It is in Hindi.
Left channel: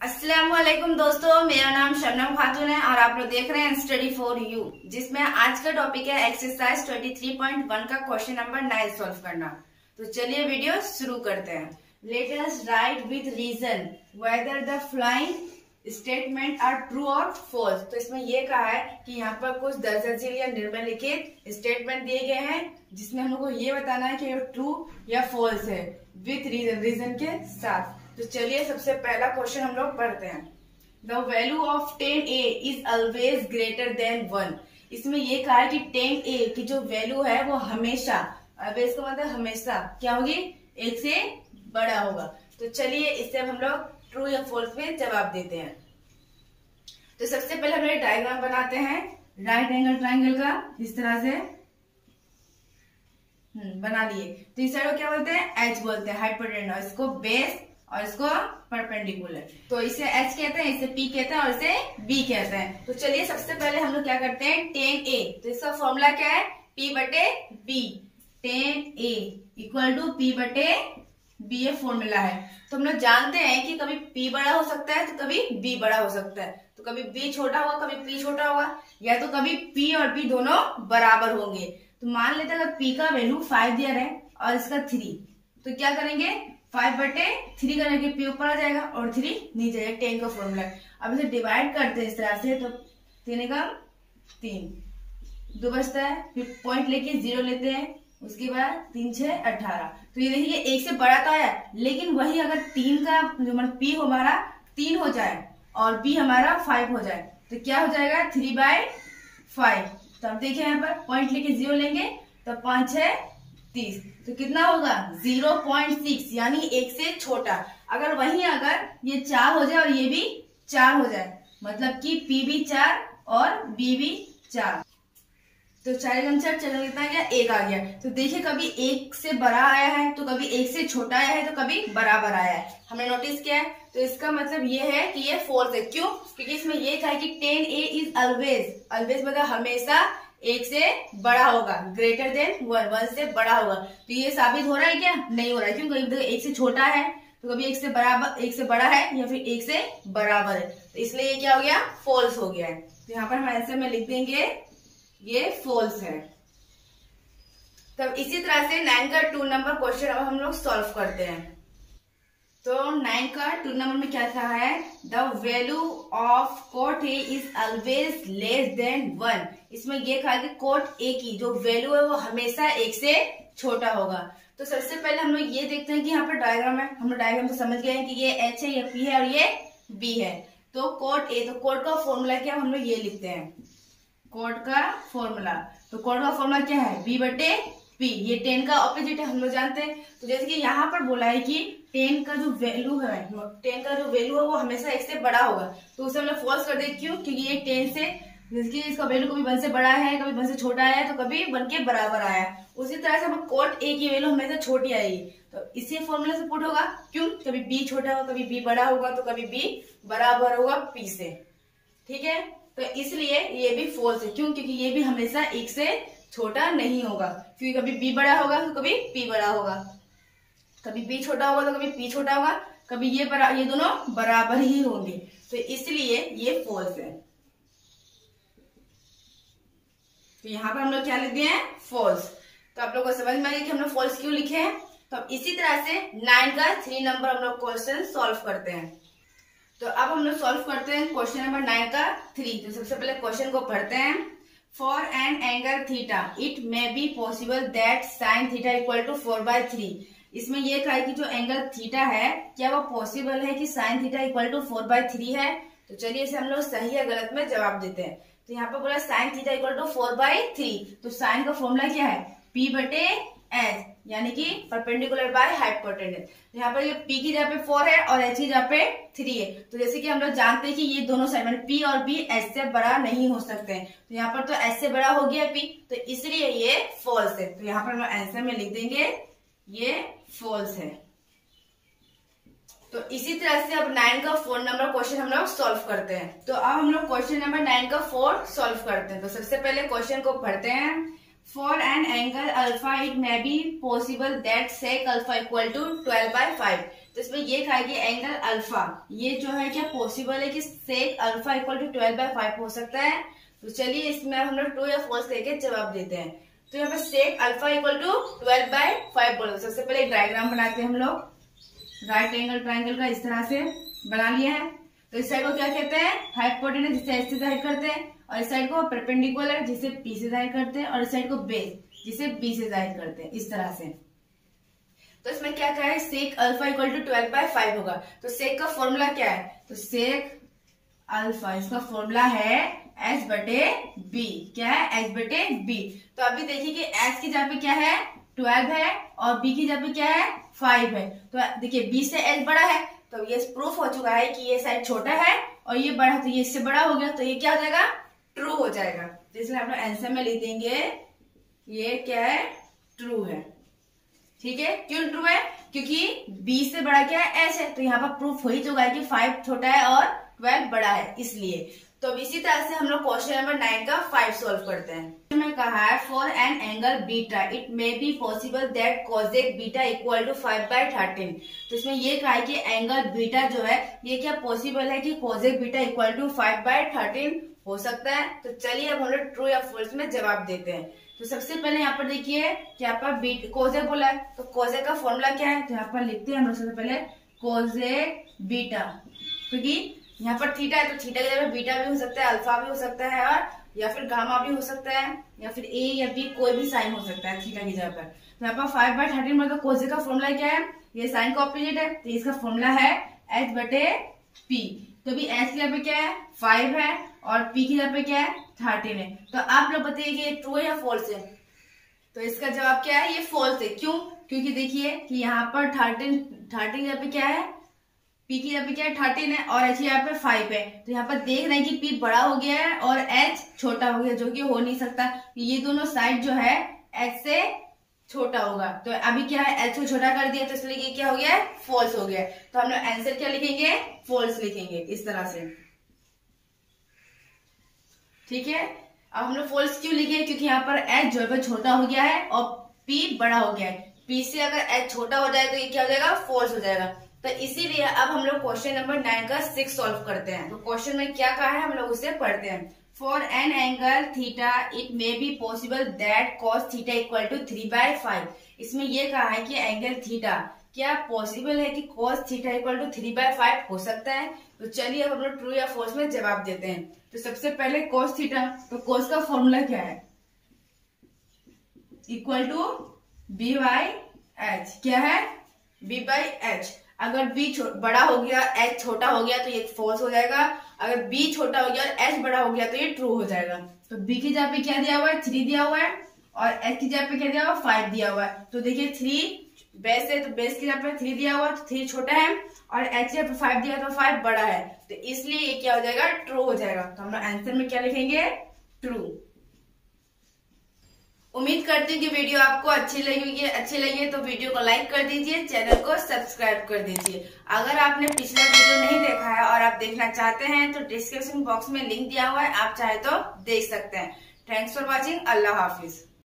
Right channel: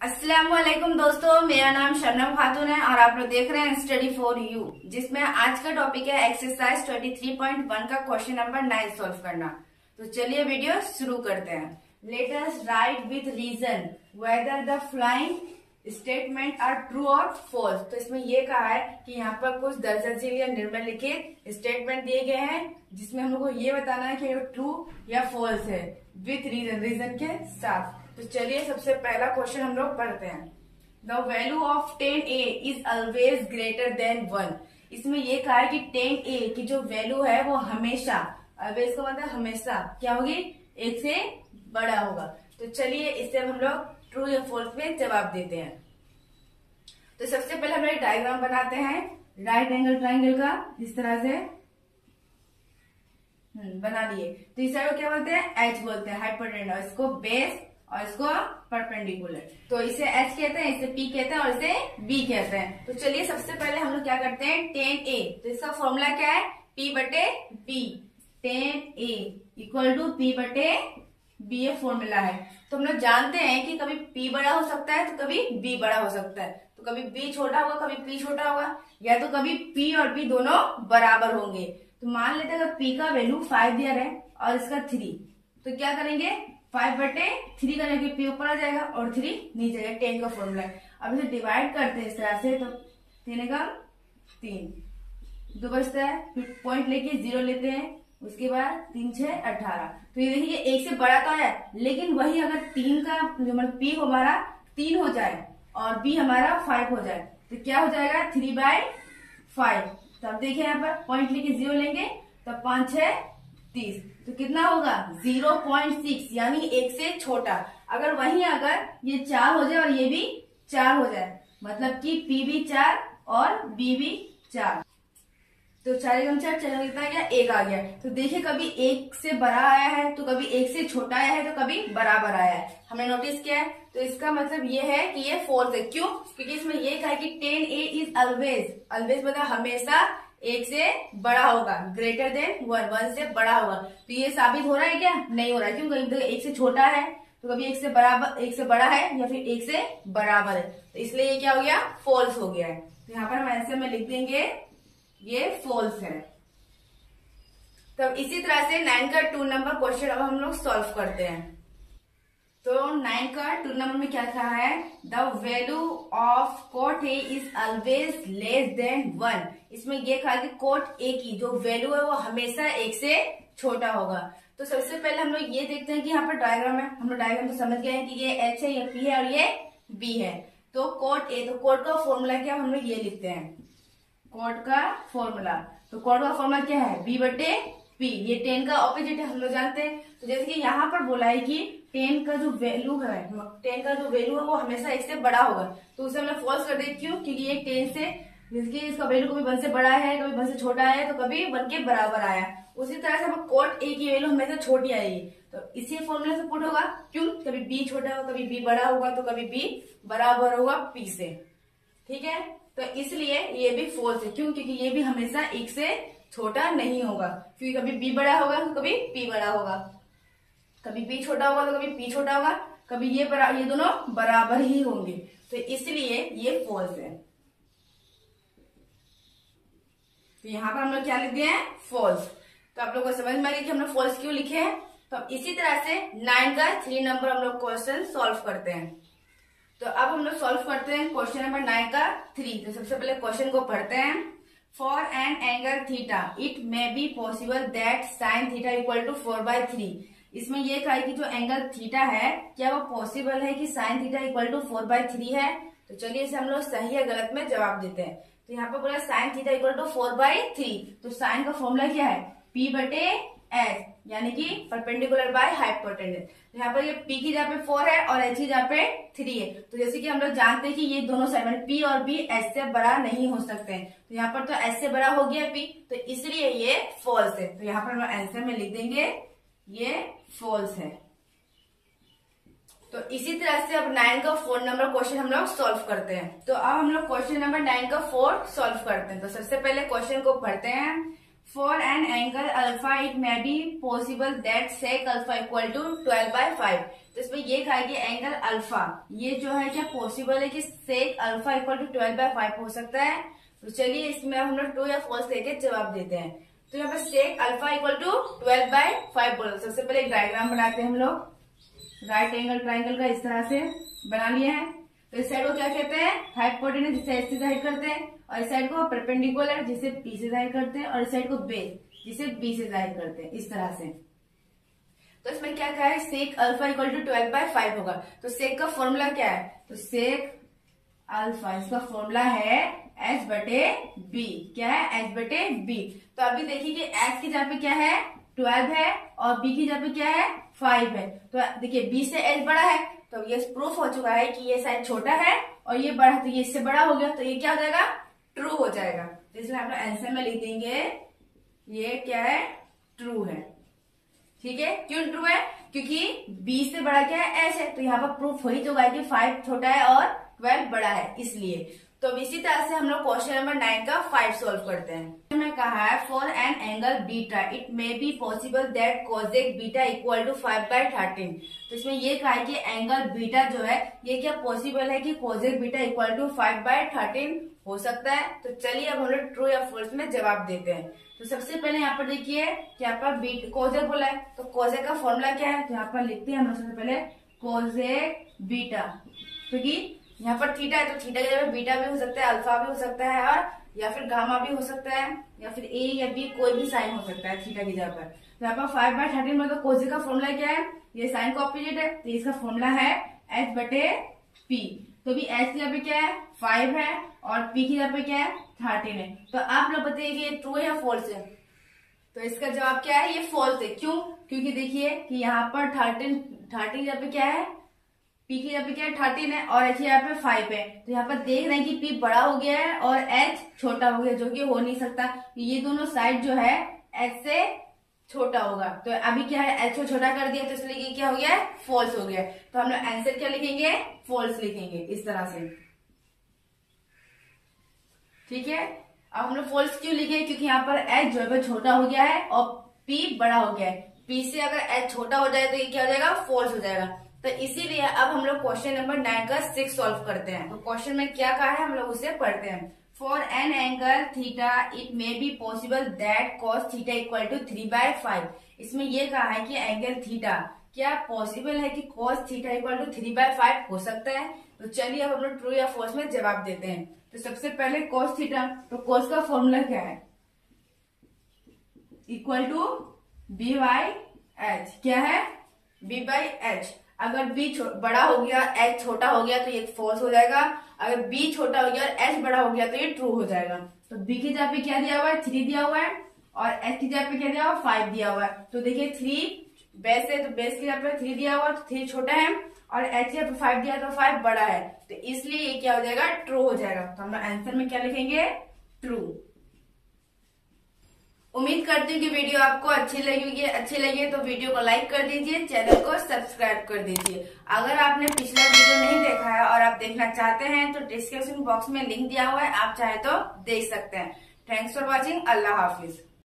अस्सलाम वालेकुम दोस्तों, मेरा नाम शबनम खातून है और आप लोग देख रहे हैं स्टडी फॉर यू, जिसमें आज का टॉपिक है एक्सरसाइज 23.1 का क्वेश्चन नंबर 9 सॉल्व करना। तो चलिए वीडियो शुरू करते हैं। Let us write with reason whether the flying statement are true और फॉल्स। तो इसमें ये कहा है कि यहाँ पर कुछ दर्जनशील या निम्नलिखित स्टेटमेंट दिए गए हैं जिसमें हम लोग को ये बताना है कि ट्रू या फॉल्स है विथ रीजन, रीजन के साथ। तो चलिए सबसे पहला क्वेश्चन हम लोग पढ़ते हैं। The value of 10a is always greater than 1। इसमें ये कहा है कि 10a की जो वैल्यू है वो हमेशा, ऑलवेज का मतलब हमेशा क्या होगी, 1 से बड़ा होगा। तो चलिए इससे हम लोग ट्रू या फॉल्स में जवाब देते हैं। तो सबसे पहले हम लोग डायग्राम बनाते हैं राइट एंगल ट्राइंगल का, इस तरह से बना लिए। तो इस साइड को क्या बोलते हैं, एच बोलते हैं, हाइपोटेन्यूज, इसको बेस और इसको परपेंडिकुलर। तो इसे एच कहते हैं, इसे पी कहते हैं और इसे बी कहते हैं। तो चलिए सबसे पहले हम लोग क्या करते हैं, 10a, तो इसका फॉर्मूला क्या है, p बटे b। 10a equal to p बटे b ये फॉर्मूला है। तो हम लोग जानते हैं कि कभी p बड़ा हो सकता है तो कभी b बड़ा हो सकता है। तो कभी b छोटा होगा, कभी p छोटा होगा, या तो कभी p और b दोनों बराबर होंगे। तो मान लेते हैं अगर p का वैल्यू 5 दिया रहे और इसका 3, तो क्या करेंगे, 5 बटे 3 करके p ऊपर आ जाएगा और 3 नीचे जाएगा, 10 का फॉर्मूला है। अब इसे डिवाइड करते हैं इस तरह से, तो 3 का 3 2 बचता है, फिर पॉइंट लेके 0 लेते हैं, उसके बाद 3 6 18। तो ये देखिए 1 से बड़ा तो आया, लेकिन वही अगर 3 का जो मतलब p हमारा 3 हो जाए और b हमारा 5 हो जाए तो क्या हो जाएगा, 3/5। तो अब देखिए यहाँ पर पॉइंट लेके 0 लेंगे तो 5 6 30, तो कितना होगा 0.6, यानी 1 से छोटा। अगर वहीं अगर ये 4 हो जाए और ये भी 4 हो जाए, मतलब कि p भी 4 और b भी 4, तो 4 गुना 4 कितना आ गया, 1 आ गया। तो देखिए कभी 1 से बड़ा आया है तो कभी 1 से छोटा आया है तो कभी बराबर आया है, हमने नोटिस किया है। तो इसका मतलब ये है कि ये फॉल्स है। क्यों, क्योंकि इसमें ये कहा है कि 10a इज ऑलवेज, ऑलवेज मतलब हमेशा 1 से बड़ा होगा, ग्रेटर देन 1 से बड़ा होगा। तो ये साबित हो रहा है क्या, नहीं हो रहा है। क्यों, कभी 1 से छोटा है तो कभी 1 से बराबर, 1 से बड़ा है या फिर 1 से बराबर है, तो इसलिए ये क्या हो गया, फॉल्स हो गया है। तो यहाँ पर हम आंसर में लिख देंगे ये फॉल्स है। तब इसी तरह से 9 का 2 नंबर क्वेश्चन अब हम लोग सॉल्व करते हैं। तो 9 का 2 नंबर में क्या कहा है, the value of cot A is always less than 1। इसमें ये कहा है कि कोट ए की जो वैल्यू है वो हमेशा 1 से छोटा होगा। तो सबसे पहले हम लोग ये देखते हैं कि यहाँ पर डायग्राम है, हम लोग डायग्राम से समझ गए हैं कि ये एच है, ये पी है और ये बी है। तो कोट ए, तो कोट का फॉर्मूला क्या, हम लोग ये लिखते हैं कोट का फॉर्मूला। तो कोट का फॉर्मूला क्या है, b बटे p, ये 10 का ऑपोजिट है, हम लोग जानते हैं। तो जैसे कि यहाँ पर बोला है कि 10 का जो वैल्यू है, 10 का जो वैल्यू है वो हमेशा 1 से बड़ा होगा, तो उसे हम लोग फॉल्स कर दें। क्यों, क्योंकि ये 10 से, जिसकी इसका वैल्यू कभी 1 से बड़ा है, कभी 1 से छोटा है, तो कभी 1 के बराबर आया। उसी तरह से हम कोट ए की वैल्यू हमेशा छोटी आएगी, तो इसी फॉर्मूला से पुट होगा। क्यों, कभी b छोटा होगा, कभी b बड़ा होगा, तो कभी b बराबर होगा p से। ठीक है, तो इसलिए ये भी फॉल्स है। क्यों, क्योंकि ये भी हमेशा 1 से छोटा नहीं होगा, क्योंकि कभी b बड़ा होगा तो कभी p बड़ा होगा, कभी b छोटा होगा तो कभी p छोटा होगा, कभी ये दोनों बराबर ही होंगे। तो इसलिए ये फॉल्स है। तो यहाँ पर हम लोग क्या लिख दिए हैं, फॉल्स। तो आप लोगों को समझ में आ गया कि हम लोग फॉल्स क्यों लिखे हैं। तो अब इसी तरह से 9 का 3 नंबर हम लोग क्वेश्चन सॉल्व करते हैं। तो अब हम लोग सॉल्व करते हैं क्वेश्चन नंबर 9 का 3। तो सबसे पहले क्वेश्चन को पढ़ते हैं। For an angle theta it may be possible that sine theta equal to 4/3। इसमें यह कहा है कि जो एंगल थीटा है क्या वो पॉसिबल है कि साइन थीटा इक्वल टू 4/3 है। तो चलिए इसे हम लोग सही या गलत में जवाब देते हैं। तो यहाँ पर बोला साइन थीटा इक्वल टू 4/3, तो साइन का फॉर्मूला क्या है, p बटे एच, यानी कि परपेंडिकुलर बाय हाइपोटेन्यूज। यहाँ पर ये p की जगह पे 4 है और h की जगह पे 3 है। तो जैसे कि हम लोग जानते हैं कि ये दोनों साइड में p और b h से बड़ा नहीं हो सकते हैं, तो यहाँ पर तो h से बड़ा हो गया p, तो इसलिए ये फॉल्स है। तो यहाँ पर हम आंसर में लिख देंगे ये फॉल्स है। तो इसी तरह से अब 9 का 4 नंबर क्वेश्चन हम लोग सॉल्व करते हैं। तो अब हम लोग क्वेश्चन नंबर 9 का 4 सॉल्व करते हैं। तो सबसे पहले क्वेश्चन को पढ़ते हैं। For an angle alpha it may be possible that sec alpha equal to 12/5। तो इसमें ये कहा कि एंगल अल्फा, ये जो है क्या पॉसिबल है कि सेक अल्फा इक्वल टू 12/5 हो सकता है। तो चलिए इसमें हम लोग ट्रू या फॉल्स लेके जवाब देते हैं। तो यहाँ पे सेक अल्फा इक्वल टू 12/5 बोला। सबसे पहले एक डायग्राम बनाते हैं हम लोग। राइट एंगल ट्राइंगल का इस तरह से बना लिया है। तो इस साइड को क्या कहते हैं, हाइपोटेनस, जिसे एच से जाहिर करते हैं, और इस साइड को परपेंडिकुलर, जिसे पी से जाहिर करते हैं, और इस साइड को बेस, जिसे बी से जाहिर करते हैं, इस तरह से। तो इसमें क्या कहा है, सेक अल्फा इक्वल टू 12/5 होगा। तो सेक का फॉर्मूला क्या है, तो सेक अल्फा, इसका फॉर्मूला है h/b। क्या है, h/b। तो अभी देखिए कि h की जगह पे क्या है 12 है, और b की जगह पे क्या है 5 है। तो देखिए b से h बड़ा है, तो ये प्रूफ हो चुका है कि ये साइड छोटा है और ये बड़ा है, तो ये इससे बड़ा हो गया, तो ये क्या हो जाएगा, ट्रू हो जाएगा। तो इसलिए हम लोग आंसर में लिख देंगे ये क्या है, ट्रू है। ठीक है, क्यों ट्रू है, क्योंकि b से बड़ा क्या है, h है। तो यहाँ पर प्रूफ हो ही चुका है कि 5 छोटा है और 12 बड़ा है, इसलिए। तो इसी तरह से हम लोग क्वेश्चन नंबर 9 का 5 सॉल्व करते हैं। मैं कहा है for an angle beta it may be possible that cosec beta equal to 5/13। तो इसमें ये कहा है कि एंगल बीटा जो है ये क्या पॉसिबल है कि कोसेक बीटा इक्वल टू 5/13 हो सकता है। तो चलिए अब हम लोग ट्रू या फॉल्स में जवाब देते हैं। तो सबसे पहले यहाँ पर देखिए कि यहाँ पर कोसेक बोला है, तो कोसेक का फॉर्मूला क्या है, तो यहाँ पर लिखते हैं हम लोग सबसे पहले कोसेक बीटा, क्योंकि यहाँ पर थीटा है, तो थीटा की जगह बीटा भी हो सकता है, अल्फा भी हो सकता है, और या फिर गामा भी हो सकता है, या फिर ए या बी कोई भी साइन हो सकता है थीटा की जगह पर। तो यहाँ पर 5/13 मतलब कोसेक का फॉर्मूला क्या है, ये साइन का ऑपोजिट है, तो इसका फॉर्मूला है h/p। तो भी h की जगह पे क्या है 5 है, और p की जगह पे क्या है 13 है। तो आप लोग बताइए कि ये ट्रू है या फॉल्स है। तो इसका जवाब क्या है, ये फॉल्स है। क्यों, क्योंकि देखिए कि यहाँ पर 13 की जगह पे क्या है, p की जगह पे क्या है 13 है, और h यहाँ पे 5 है। तो यहाँ पर देख रहे हैं कि p बड़ा हो गया है और h छोटा हो गया, जो कि हो नहीं सकता। ये दोनों साइड जो है h से छोटा होगा। तो अभी क्या है, h को छोटा कर दिया, तो इसलिए ये क्या हो गया है, फॉल्स हो गया। तो हम लोग आंसर क्या लिखेंगे, फॉल्स लिखेंगे, इस तरह से। ठीक है, अब हम लोग फॉल्स क्यों लिखे, क्योंकि यहाँ पर h जो है छोटा हो गया है और p बड़ा हो गया है। p से अगर h छोटा हो जाए तो ये क्या हो जाएगा, फॉल्स हो जाएगा। तो इसीलिए अब हम लोग क्वेश्चन नंबर 9 का 6 सॉल्व करते हैं। तो क्वेश्चन में क्या कहा है हम लोग उसे पढ़ते हैं। For an angle theta it may be possible that cos theta equal to 3/5। इसमें ये कहा है कि एंगल थीटा क्या पॉसिबल है कि कॉस थीटा इक्वल टू 3/5 हो सकता है। तो चलिए अब हम लोग ट्रू या फॉल्स में जवाब देते हैं। तो सबसे पहले कॉस थीटा, तो कॉस का फॉर्मूला क्या है, इक्वल टू b/h। क्या है, b/h। अगर b बड़ा हो गया h छोटा हो गया तो ये फॉल्स हो जाएगा। अगर b छोटा हो गया और h बड़ा हो गया तो ये ट्रू हो जाएगा। तो b की जगह पे क्या दिया हुआ है, 3 दिया हुआ है, और h की जगह पे क्या दिया हुआ है, 5 दिया हुआ है। तो देखिए 3 बेस है, तो बेस की जगह पे 3 दिया हुआ है, तो 3 छोटा है, और h की जगह पे 5 दिया है, तो 5 बड़ा है। तो इसलिए ये क्या हो जाएगा, ट्रू हो जाएगा। तो हम आंसर में क्या लिखेंगे, ट्रू। उम्मीद करती हूँ कि वीडियो आपको अच्छी लगी तो वीडियो को लाइक कर दीजिए, चैनल को सब्सक्राइब कर दीजिए। अगर आपने पिछला वीडियो नहीं देखा है और आप देखना चाहते हैं तो डिस्क्रिप्शन बॉक्स में लिंक दिया हुआ है, आप चाहे तो देख सकते हैं। Thanks for watching. Allah Hafiz.